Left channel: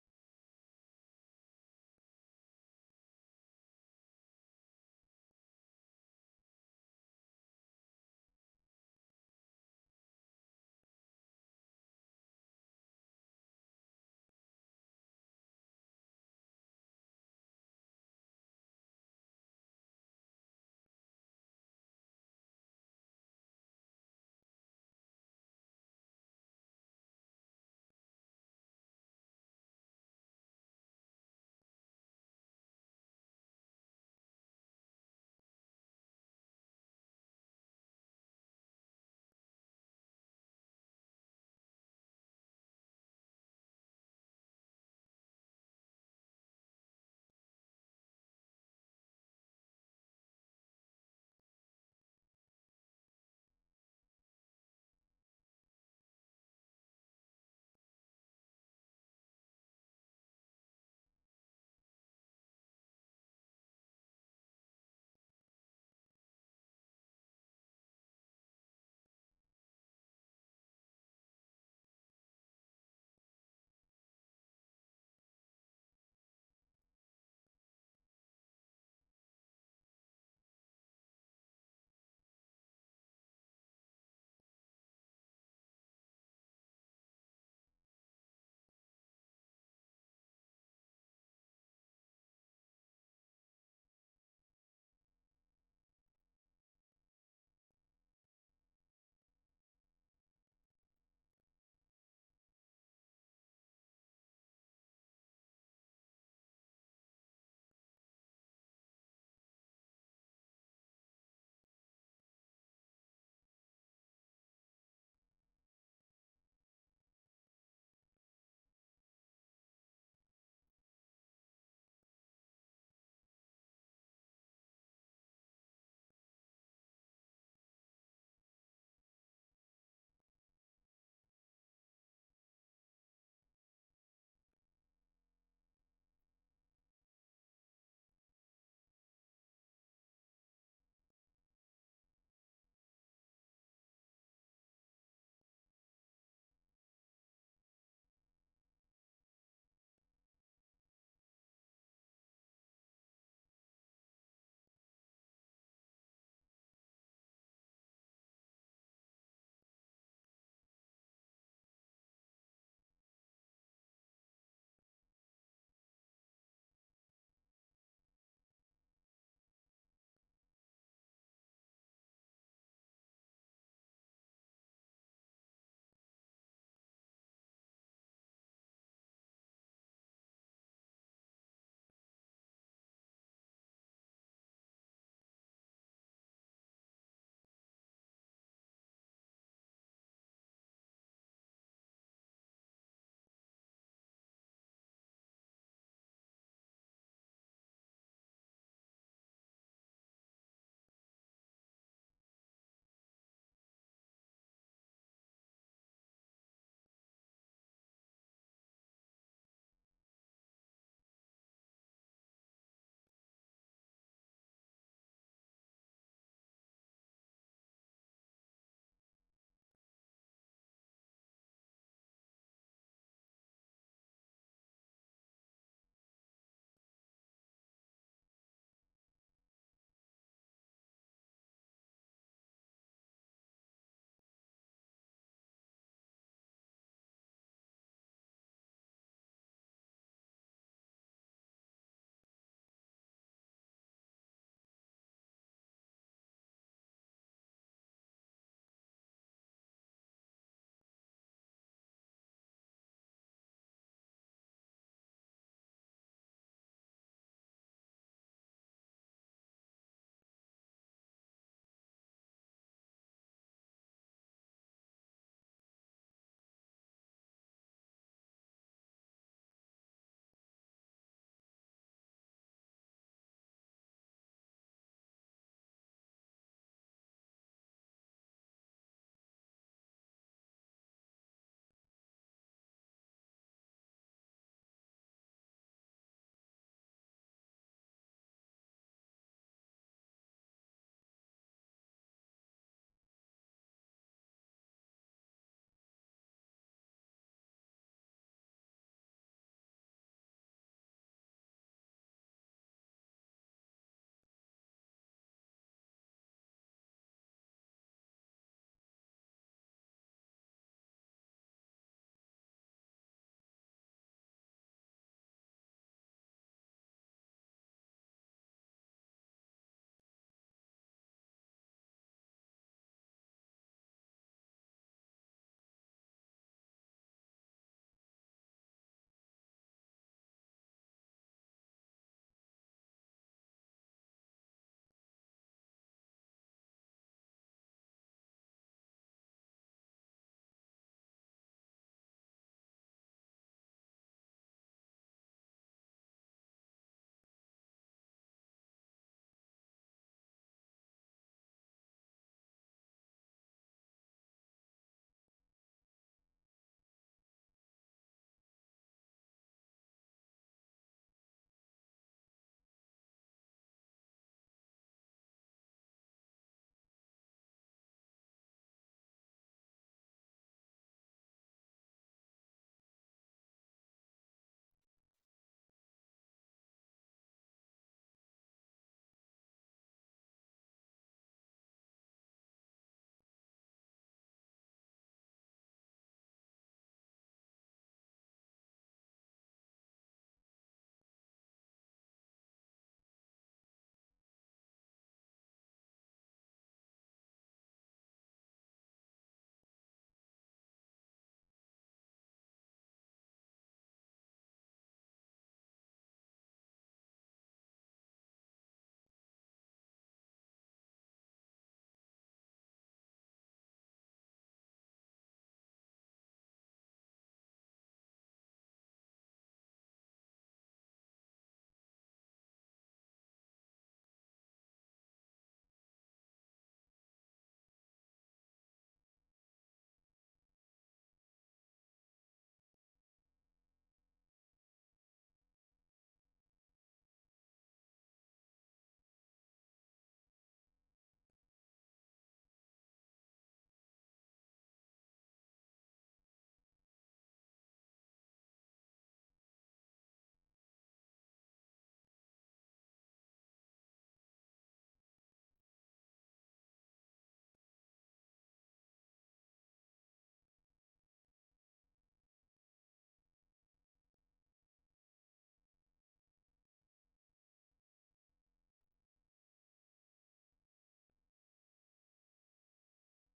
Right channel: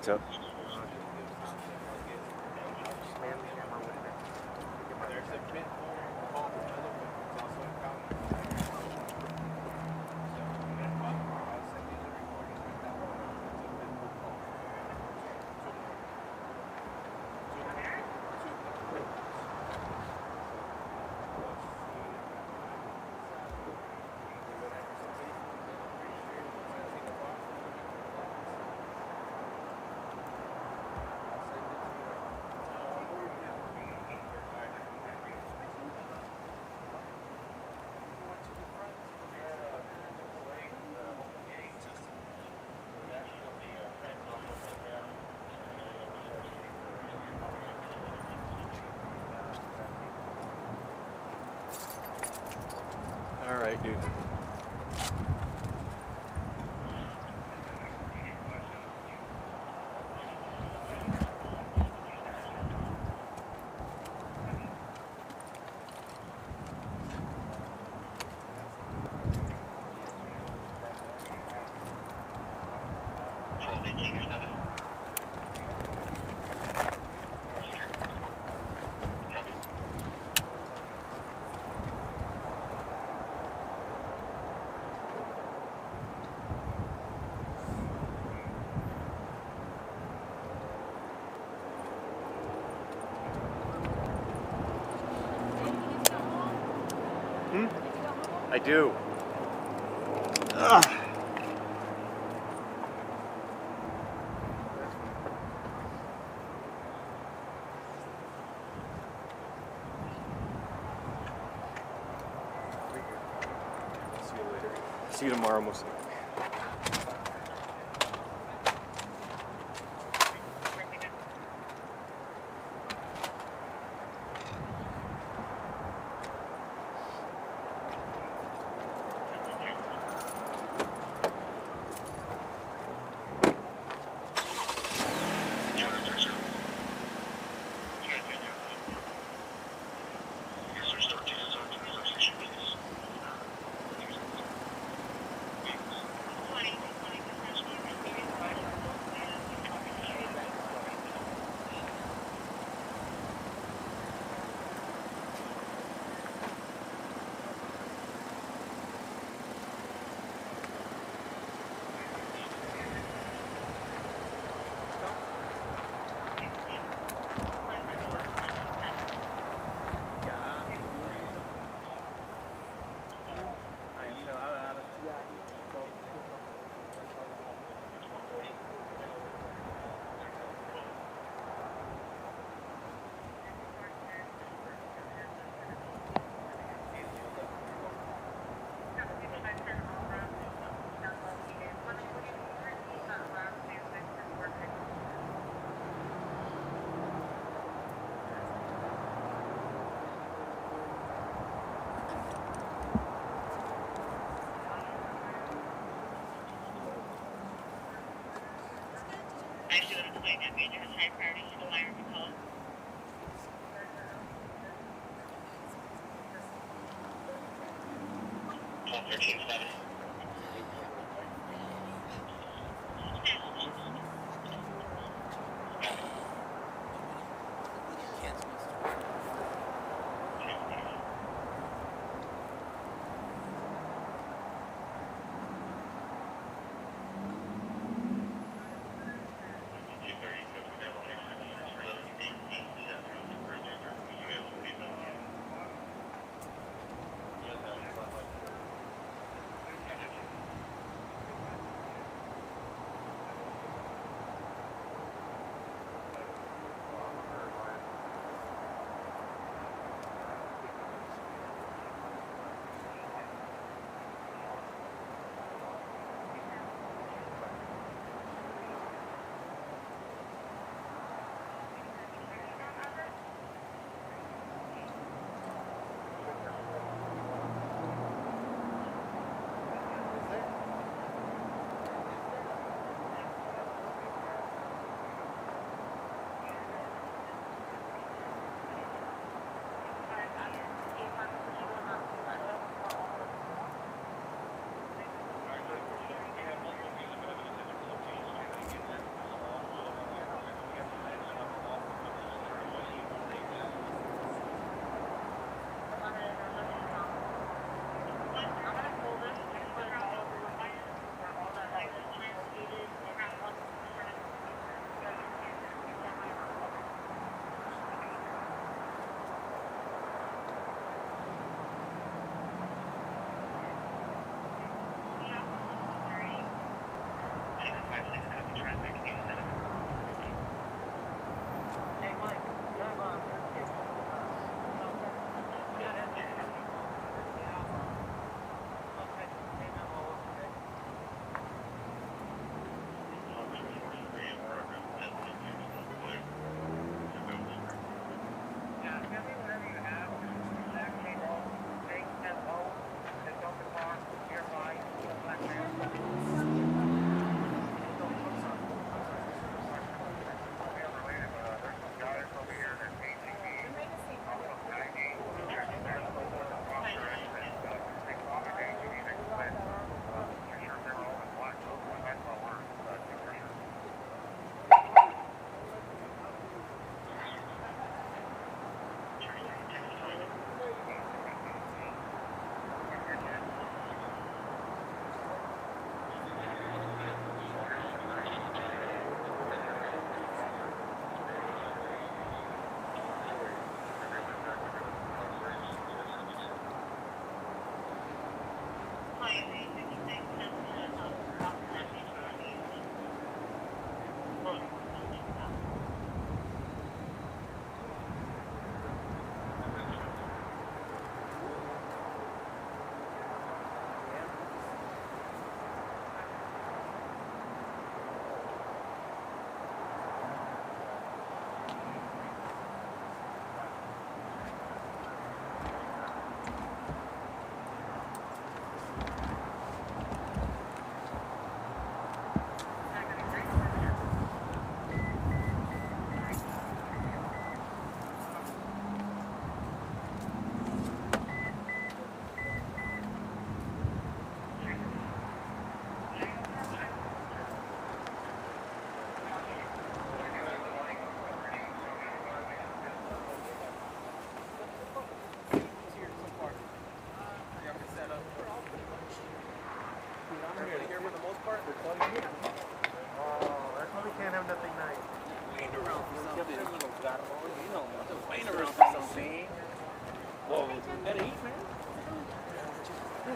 What's up? All right, dude. I do. Ugh. See you tomorrow, mostly.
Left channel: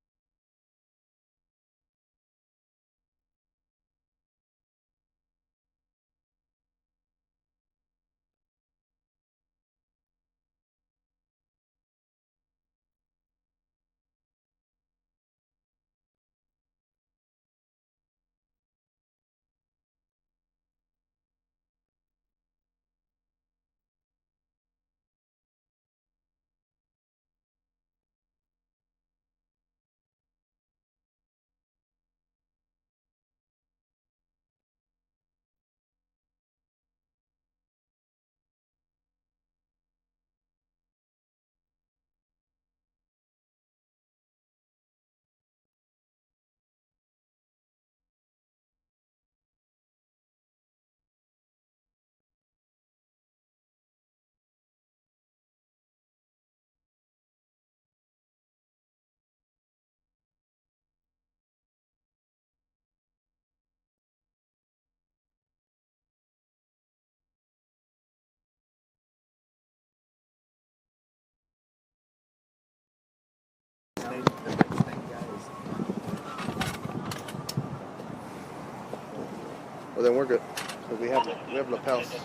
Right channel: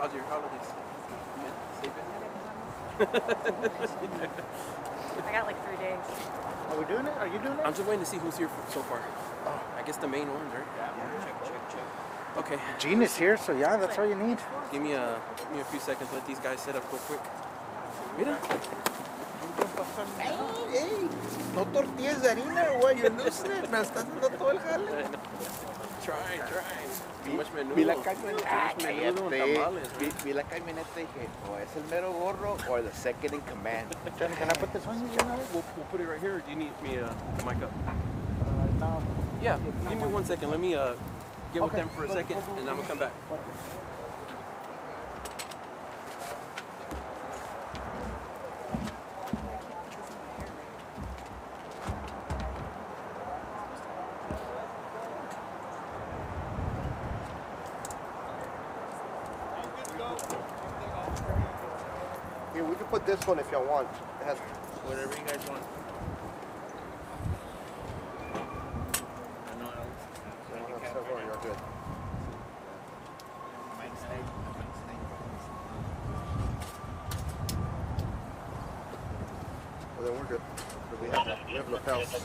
How's your holidays? Safe it? I got like 3 days. Are we doing it? Are you doing it? I'm just waiting to see who's here so far. I guess the main ones, right? Check. Okay. Gene is here, so yeah, that's all you need. Give me a few seconds. Let these guys set up real quick. Mira. Hey, no tortillas de harina, güey. You're losing it. Me estás dando todo el jale. Try. Too much menudo. Vi la camioneta, Menudo and tamales, right? vi la camioneta y dije, o es el mero gorro or the second in command. Can I put this on you? We'll put it right here. Or do you need me the mic up? No. Yeah. Give me 1 second. Let me get with them for a second, and I'm gonna come back. Here, we can put this one if y'all want. It has Whatever you guys want. several. You're good. Well, then we're good. So we have lapels. Let's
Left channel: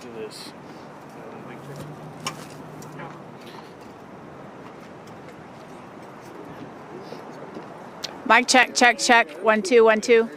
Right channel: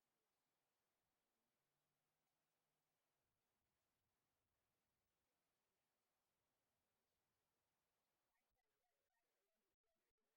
do this. Mic check. 1 2 1 2.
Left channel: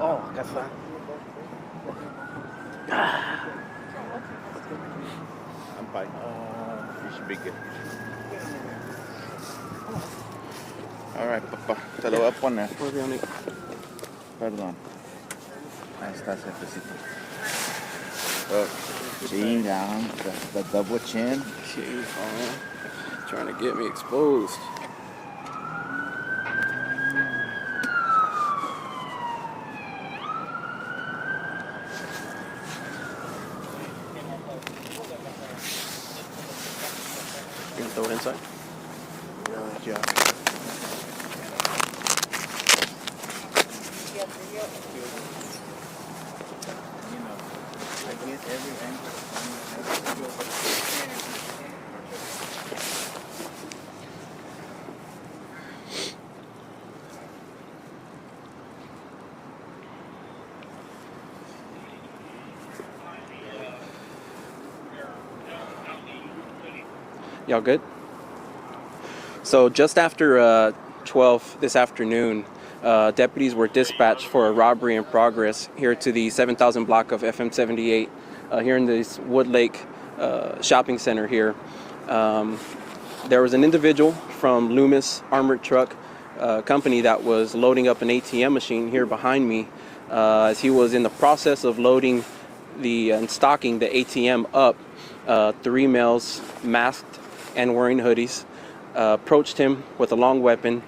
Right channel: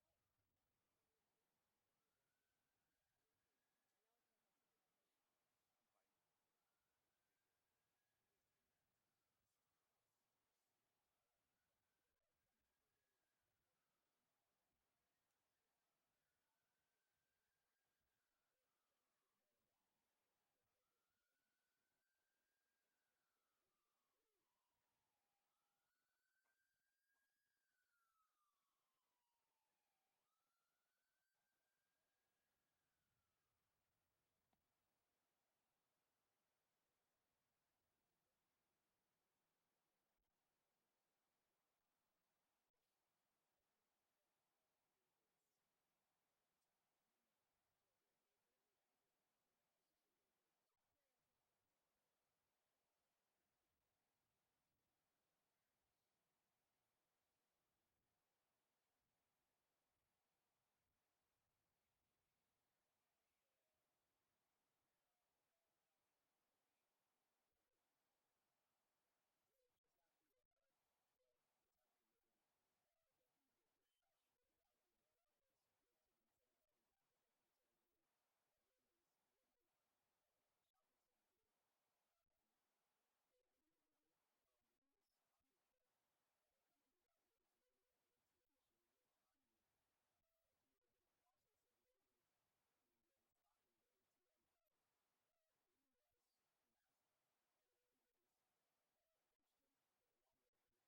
Oh, acá está. I'm fine. You should be good. All right, papá. Te lo voy a poner. Perdón. Ahí está, jefecito. Chinga, the double chin. Jeez, man. Trying to get me exposed. Throw it inside. Yeah. I get every angle. Y'all good? So just after 12 this afternoon, deputies were dispatched for a robbery in progress here to the 7,000 block of FM 78 here in this Wood Lake shopping center here. There was an individual from Loomis Armored Truck Company that was loading up an ATM machine here behind me. As he was in the process of loading and stocking the ATM up, 3 males masked and wearing hoodies approached him with a long weapon,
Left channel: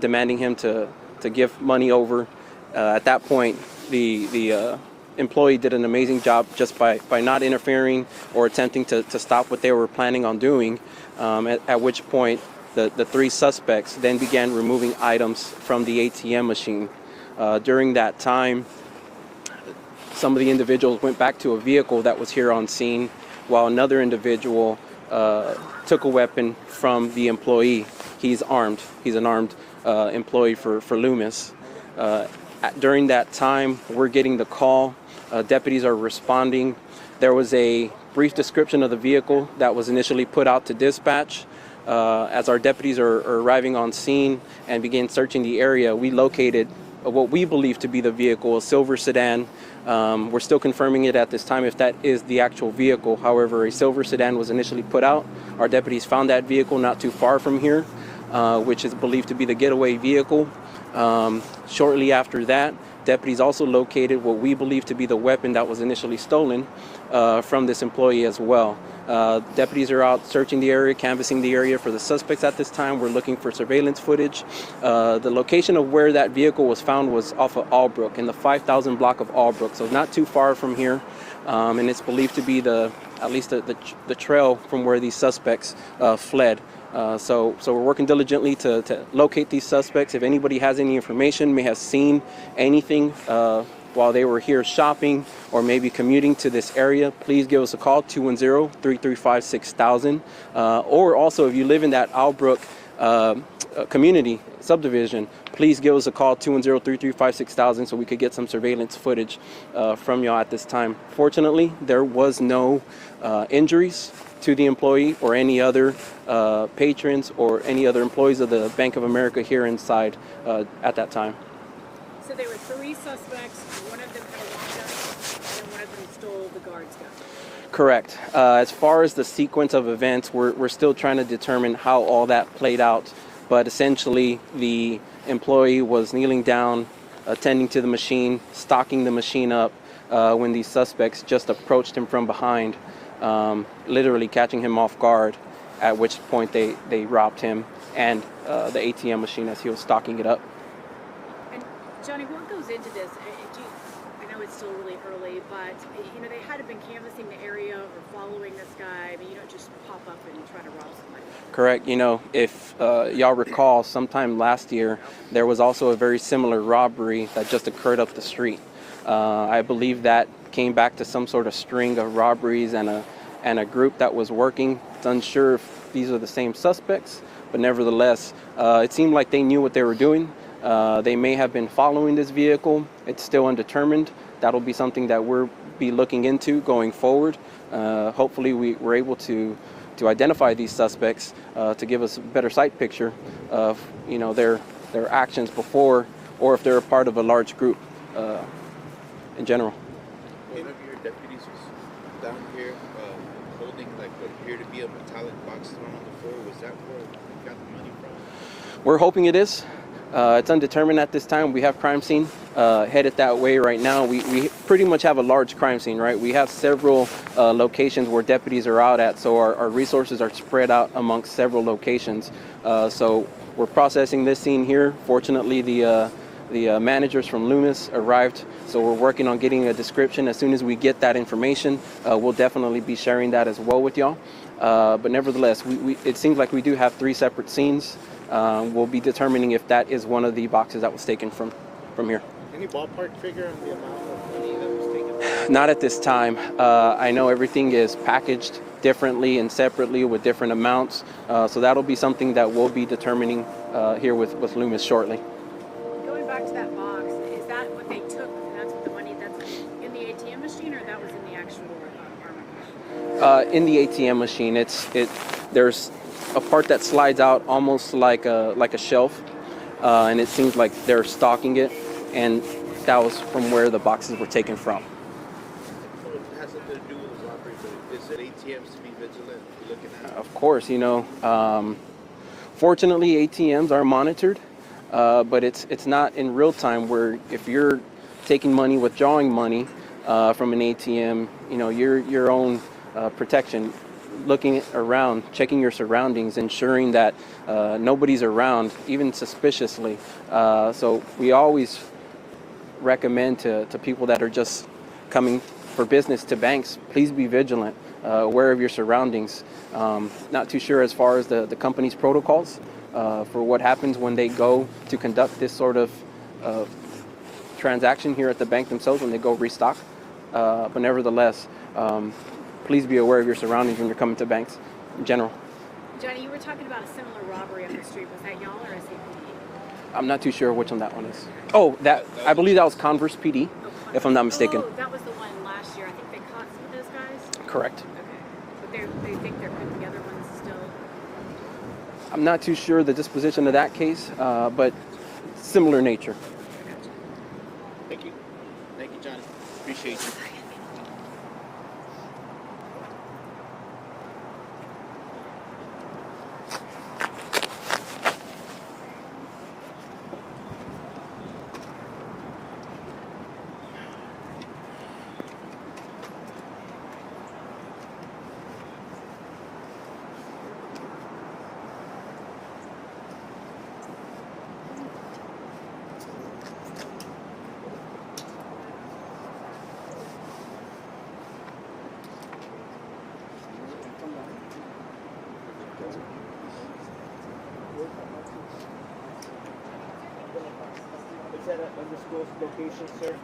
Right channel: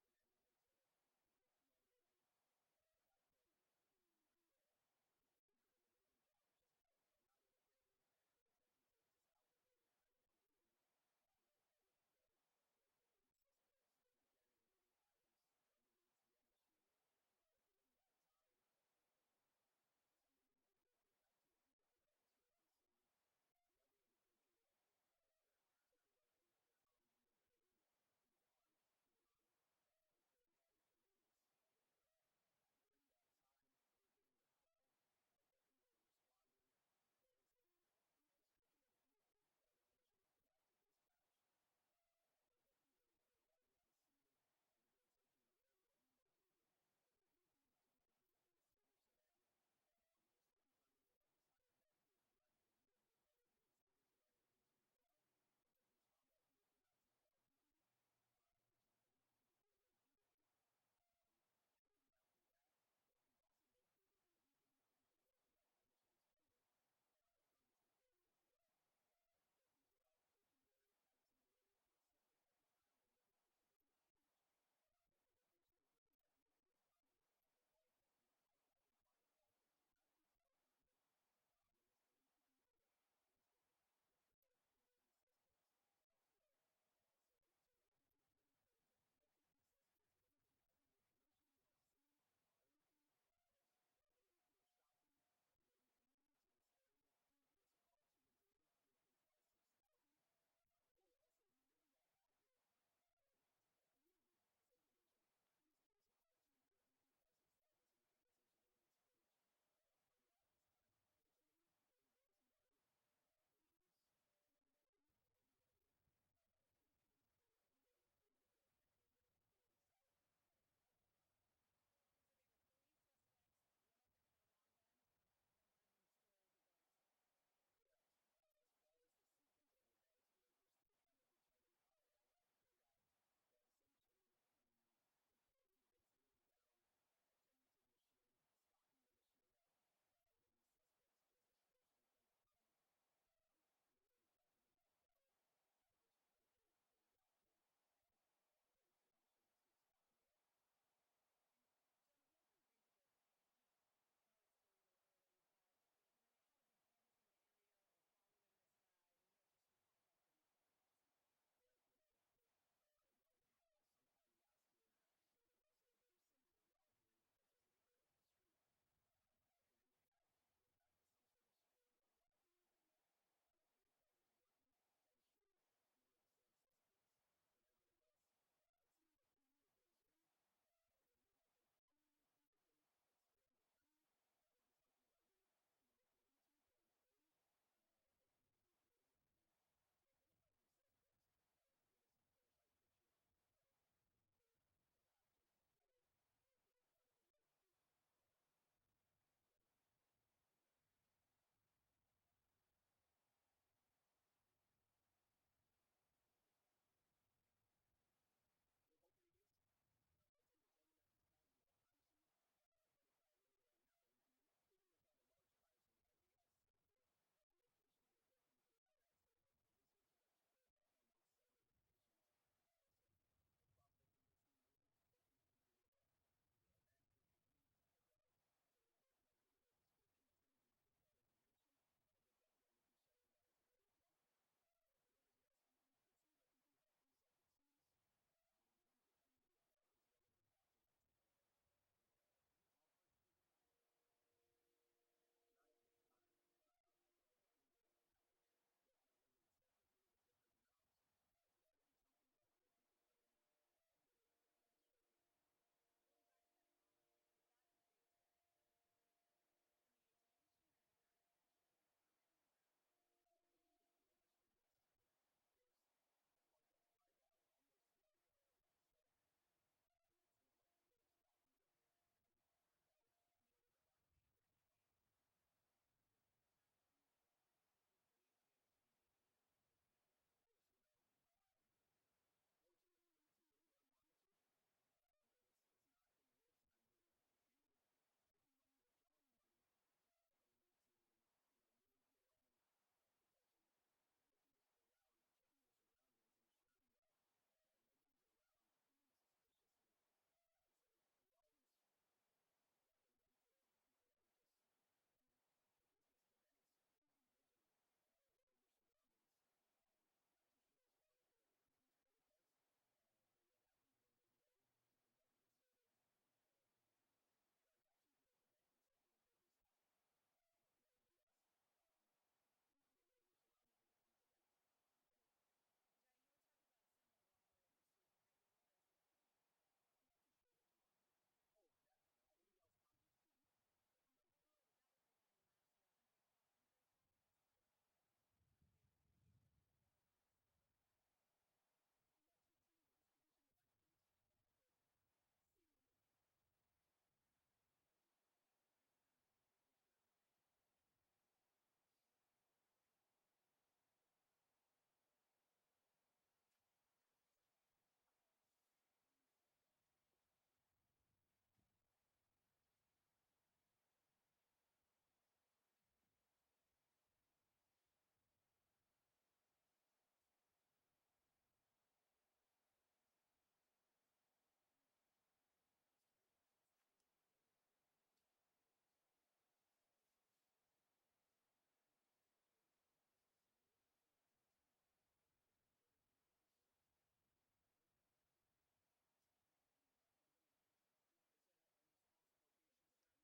demanding him to give money over. At that point, the employee did an amazing job just by not interfering or attempting to stop what they were planning on doing, at which point the 3 suspects then began removing items from the ATM machine. During that time, some of the individuals went back to a vehicle that was here on scene, while another individual took a weapon from the employee. He's armed. He's an armed employee for Loomis. During that time, we're getting the call. Deputies are responding. There was a brief description of the vehicle that was initially put out to dispatch. As our deputies are arriving on scene and begin searching the area, we located what we believe to be the vehicle, a silver sedan. We're still confirming it at this time if that is the actual vehicle. However, a silver sedan was initially put out. Our deputies found that vehicle not too far from here, which is believed to be the getaway vehicle. Shortly after that, deputies also located what we believe to be the weapon that was initially stolen from this employee as well. Deputies are out searching the area, canvassing the area for the suspects at this time. We're looking for surveillance footage. The location of where that vehicle was found was off of Albrook, in the 5,000 block of Albrook, so not too far from here. And it's believed to be at least the trail from where these suspects fled. So we're working diligently to locate these suspects. If anybody has any information, may have seen anything while they were here shopping or maybe commuting to this area, please give us a call, 210-335-6000. Or also, if you live in that Albrook community subdivision, please give us a call, 210-335-6000, so we could get some surveillance footage from y'all at this time. Fortunately, there was no injuries to the employee or any other patrons or any other employees of the Bank of America here inside at that time. So there were 3 suspects. One of them had a long gun, and one of them stole the guard's gun. Correct. As far as the sequence of events, we're still trying to determine how all that played out. But essentially, the employee was kneeling down, attending to the machine, stocking the machine up, when these suspects just approached him from behind, literally catching him off guard, at which point they robbed him and the ATM machine as he was stocking it up. Johnny, what goes into this? I know it's still really early, but they had to have been canvassing the area or following this guy. I mean, you don't just pop up and try to rob somebody. Correct. If y'all recall, sometime last year, there was also a very similar robbery that just occurred up the street. I believe that came back to some sort of string of robberies and a group that was working. It's unsure if these are the same suspects, but nevertheless, it seemed like they knew what they were doing. They may have been following this vehicle. It's still undetermined. That'll be something that we'll be looking into going forward. Hopefully we're able to identify these suspects to give us a better sight picture of their actions before, or if they're a part of a large group in general. One of your deputies was down here holding what appeared to be a metallic box thrown on the floor. Was that where you got the money from? We're hoping it is. It's undetermined at this time. We have crime scene headed that way right now. We pretty much have a large crime scene, right? We have several locations where deputies are out at, so our resources are spread out amongst several locations. So we're processing this scene here. Fortunately, the The managers from Loomis arrived, so we're working on getting a description. As soon as we get that information, we'll definitely be sharing that as well with y'all. But nevertheless, it seems like we do have 3 separate scenes. We'll be determining if that is one of the boxes that was taken from here. Any ballpark figure on the amount of money that was taken? Not at this time. I know everything is packaged differently and separately with different amounts, so that'll be something that we'll be determining here with Loomis shortly. Going back to that box, is that what they took? And that's what the money that's in the ATM machine, or that was in the actual armor machine? In the ATM machine, there's a part that slides out almost like a shelf, and it seems like they're stocking it, and that was from where the boxes were taken from. So it has something to do with the robbery, but it said ATMs to be vigilant, looking at. Of course, fortunately ATMs are monitored, but it's not in real time, where if you're taking money, withdrawing money from an ATM, your own protection, looking around, checking your surroundings, ensuring that nobody's around, even suspiciously. So we always recommend to people that are just coming for business to banks, please be vigilant, aware of your surroundings. Not too sure as far as the company's protocols for what happens when they go to conduct this sort of transaction here at the bank themselves, when they go restock. But nevertheless, please be aware of your surroundings when you're coming to banks in general. Johnny, you were talking about a similar robbery on the street. Was that y'all or SAPD? I'm not too sure which one that one is. Oh, I believe that was Converse PD, if I'm not mistaken. Oh, that was the one last year. I think they caught some of those guys? Correct. Okay. But they think they're putting together ones still? I'm not too sure the disposition of that case, but similar nature. Thank you. Thank you, Johnny. Appreciate you. Is that an undisclosed location, sir?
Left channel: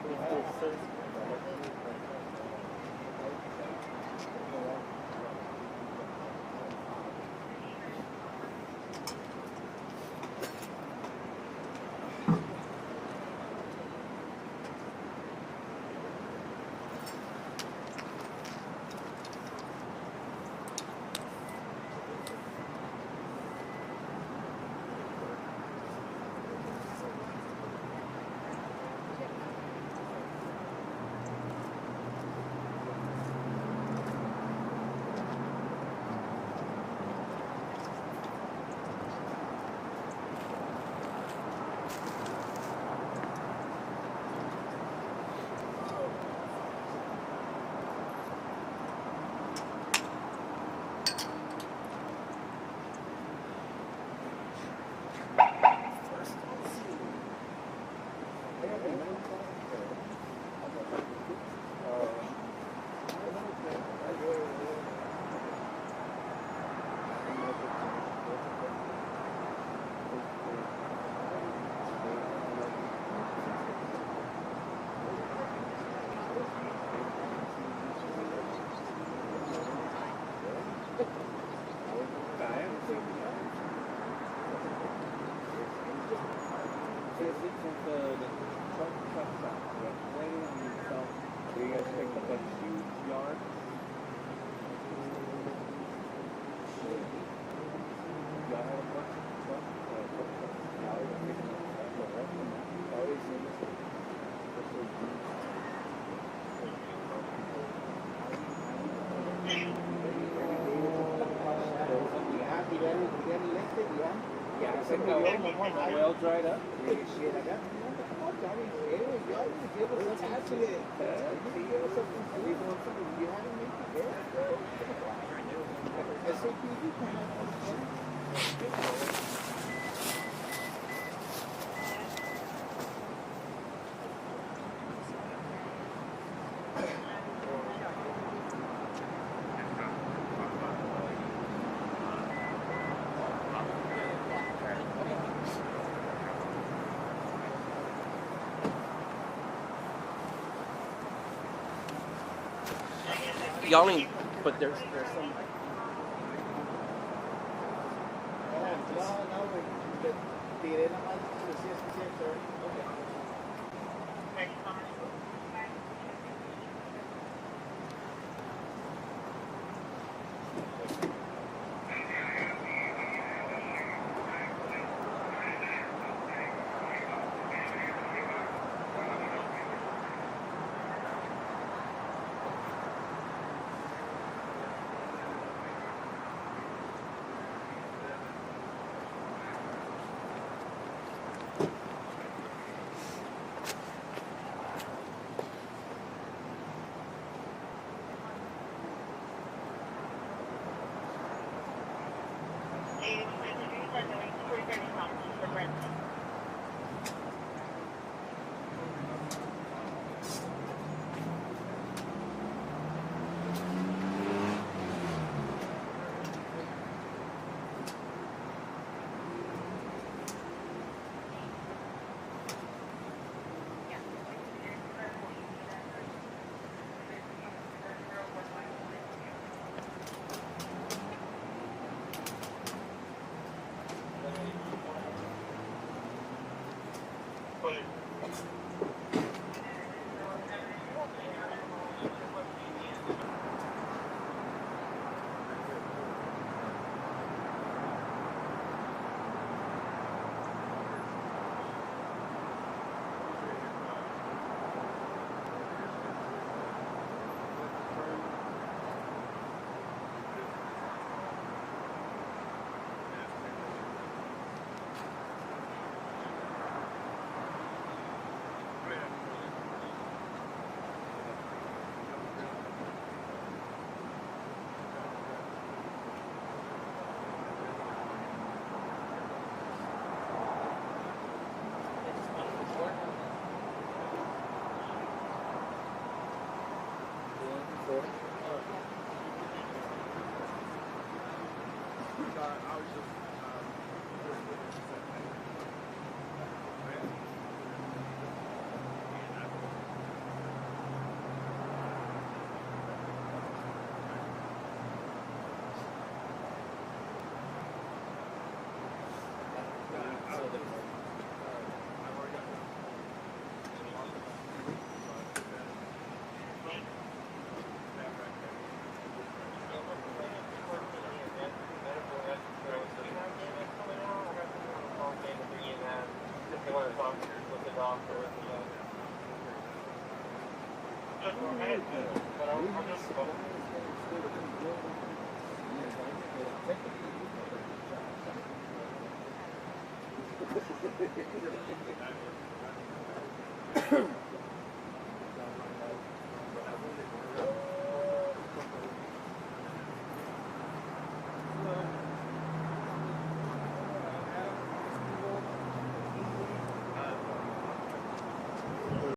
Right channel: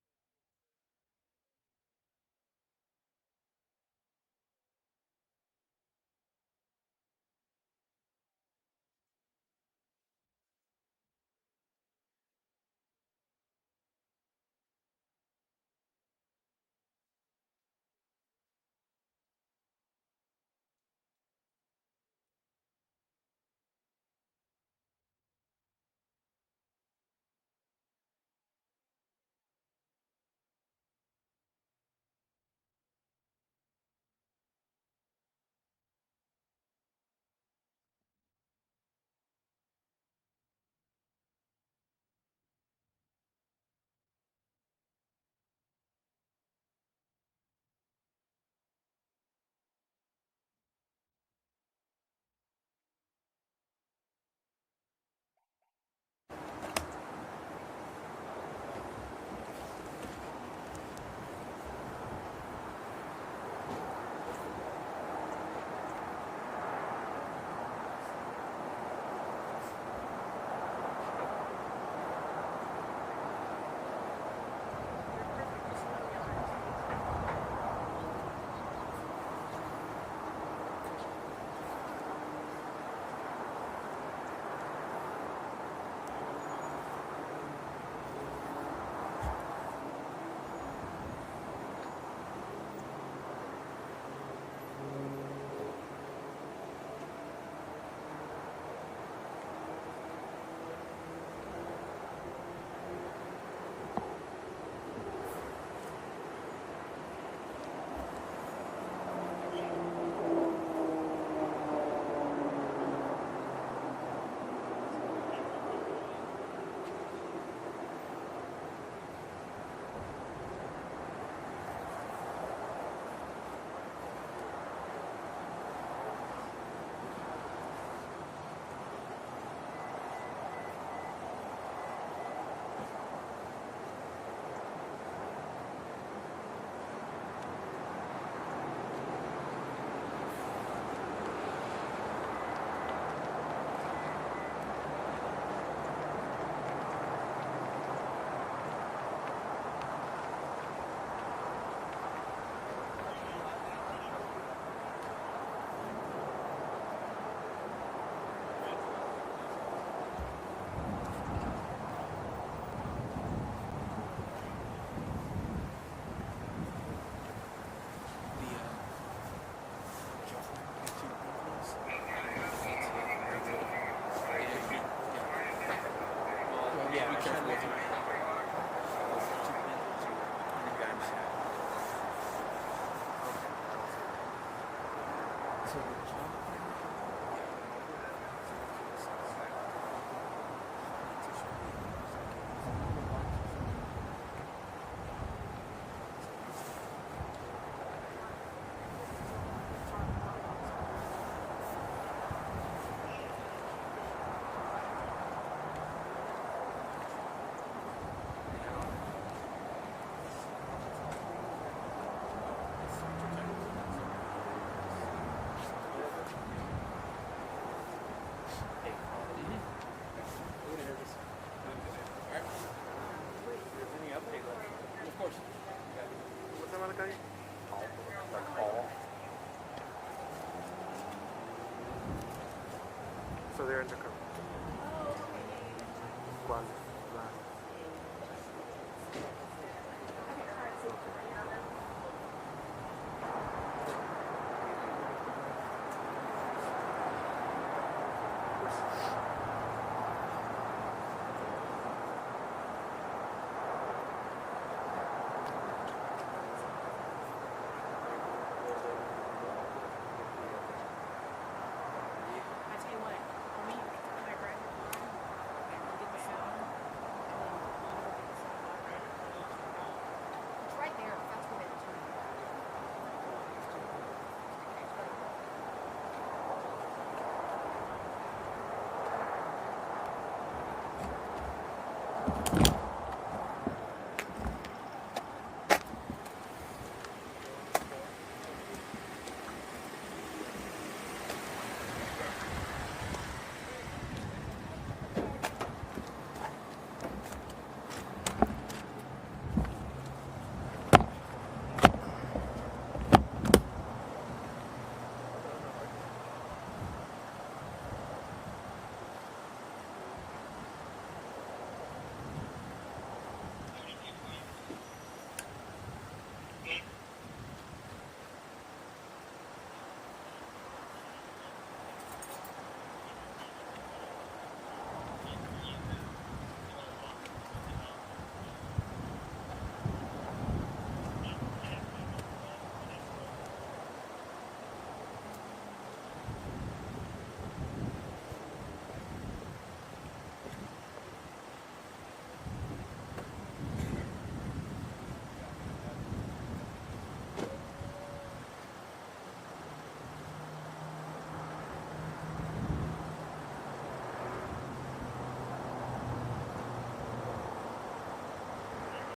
y'all ain't, but there's some